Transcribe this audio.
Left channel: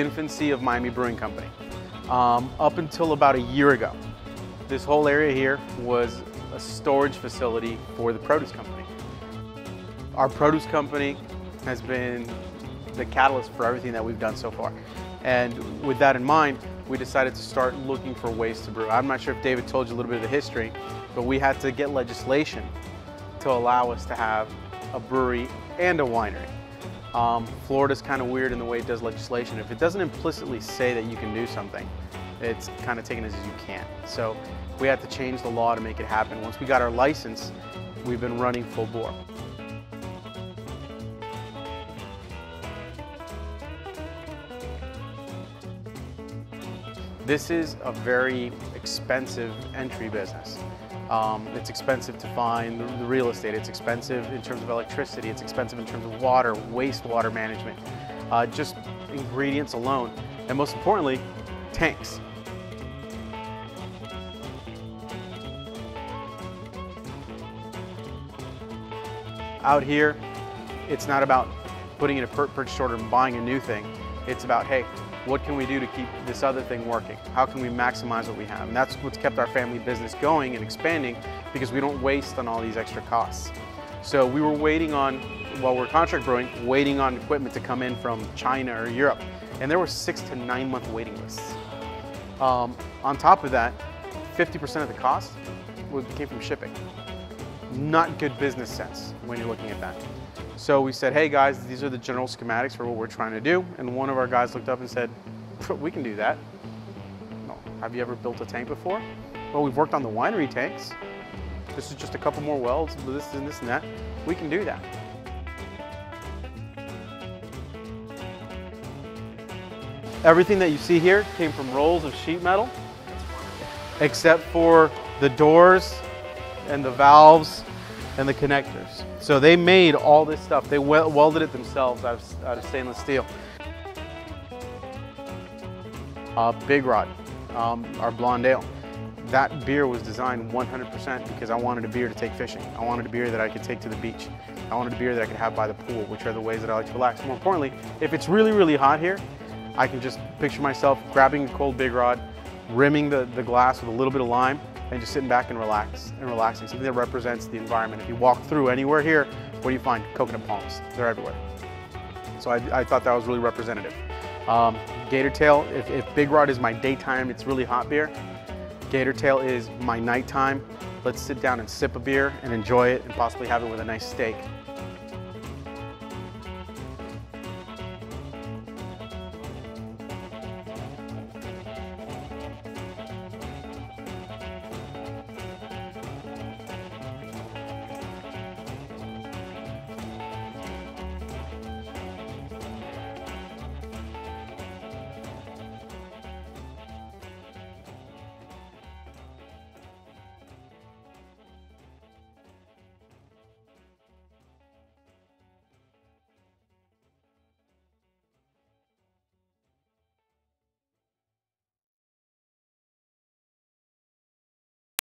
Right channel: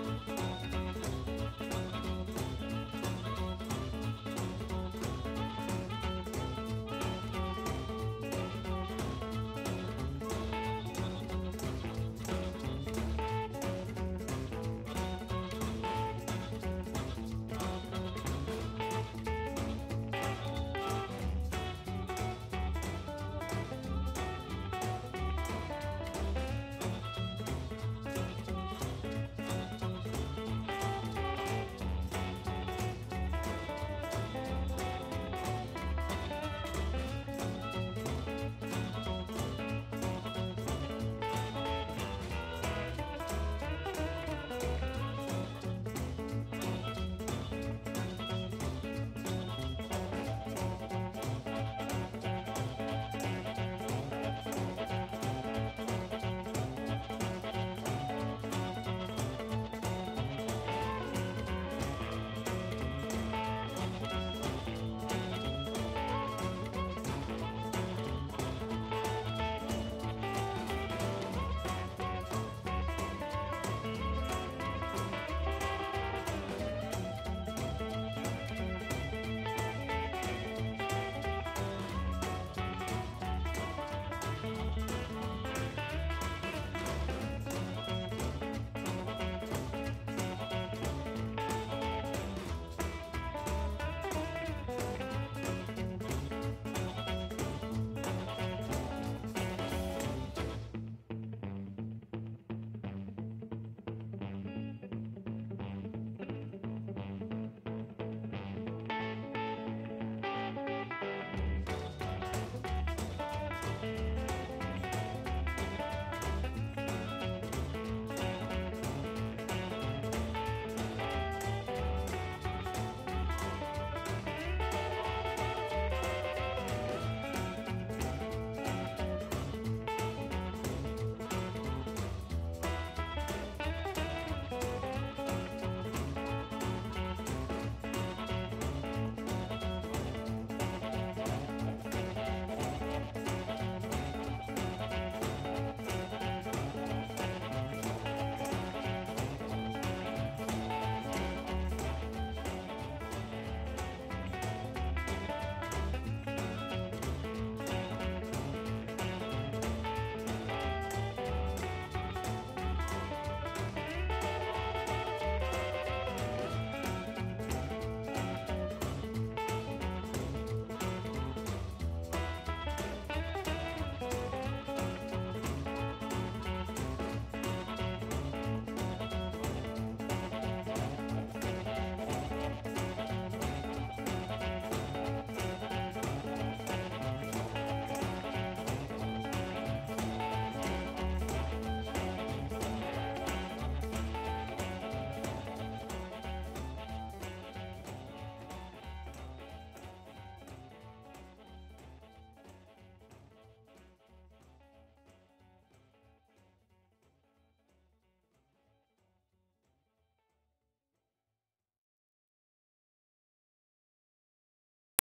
infancy of Miami Brewing Company. Up until about a year ago, this whole area here was a storage facility for the produce company. Our produce company has been the catalyst for everything that we've done so far. And with that in mind, we decided to start looking for ways to brew. I'm not sure if David told you a little bit of the history, but we had to get legislation to allow us to have a brewery and a winery. Florida's kind of weird in the way it does legislation. If it doesn't implicitly say that you can do something, it's kind of taken as you can. So we had to change the law to make it happen. Once we got our license, we've been running full bore. This is a very expensive entry business. It's expensive to find the real estate. It's expensive in terms of electricity. It's expensive in terms of water, wastewater management, just ingredients alone. And most importantly, tanks. Out here, it's not about putting in a purchase order and buying a new thing. It's about, hey, what can we do to keep this other thing working? How can we maximize what we have? And that's what's kept our family business going and expanding, because we don't waste on all these extra costs. So we were waiting on, while we're contract brewing, waiting on equipment to come in from China or Europe. And there were 6 to 9 month waiting lists. On top of that, 50% of the cost came from shipping. Not good business sense when you're looking at that. So we said, hey guys, these are the general schematics for what we're trying to do. And one of our guys looked up and said, we can do that. Oh, have you ever built a tank before? Well, we've worked on the winery tanks. This is just a couple more welds, this and this and that. We can do that. Everything that you see here came from rolls of sheet metal, except for the doors and the valves and the connectors. So they made all this stuff. They welded it themselves out of stainless steel. Big Rod, our blonde ale. That beer was designed 100% because I wanted a beer to take fishing. I wanted a beer that I could take to the beach. I wanted a beer that I could have by the pool, which are the ways that I like to relax. More importantly, if it's really, really hot here, I can just picture myself grabbing a cold Big Rod, rimming the glass with a little bit of lime, and just sitting back and relaxing. Something that represents the environment. If you walk through anywhere here, what do you find? Coconut palms. They're everywhere. So I thought that was really representative. Gator Tail, if Big Rod is my daytime, it's really hot beer. Gator Tail is my nighttime. Let's sit down and sip a beer and enjoy it and possibly have it with a nice steak.